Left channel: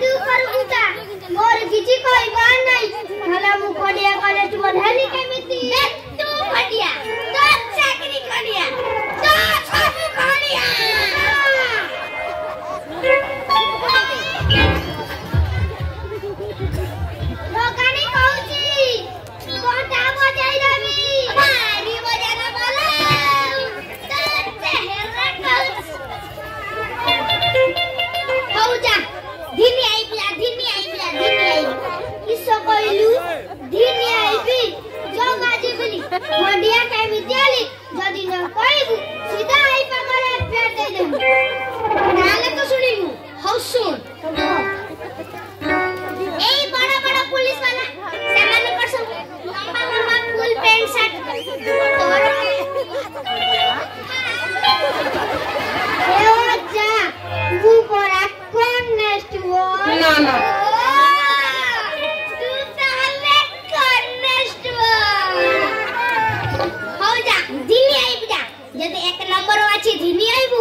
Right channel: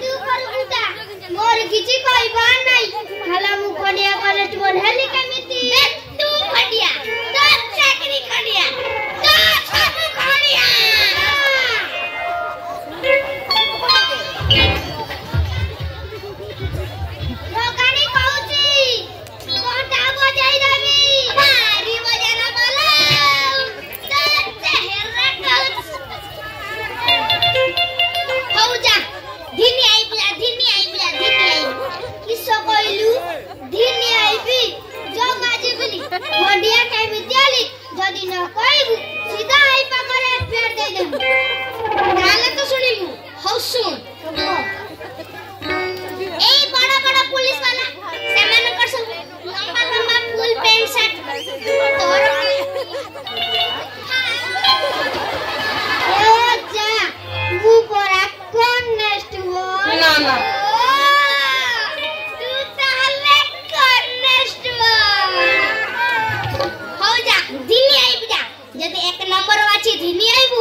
तू कर बुता मोर किछि कहबा नै हला मु कोडिया कॉलेज पढाली केमिति तू फटिया तो चाकरी करिया तो सब करिया लोकानी कहूची कोटा बजाई देबी भारी बजाना वाला तो चेहरा हो जा धिनी आई किसो कहलु धिनी आईबी जग आज बोली मंडिया के विद्यालय जदी न कहबू सीधा आई पागरे फेर दे देबू नाले तो सुनिलु हौ सुन ए बड़ा बड़ा पुलिस वाला सामान कर सब लंबा लंबा फुल पैंट शर्ट और ओ जा वो परा कौन नेक्स्ट वो ना जब एक नंबर वाची धिनी आइबू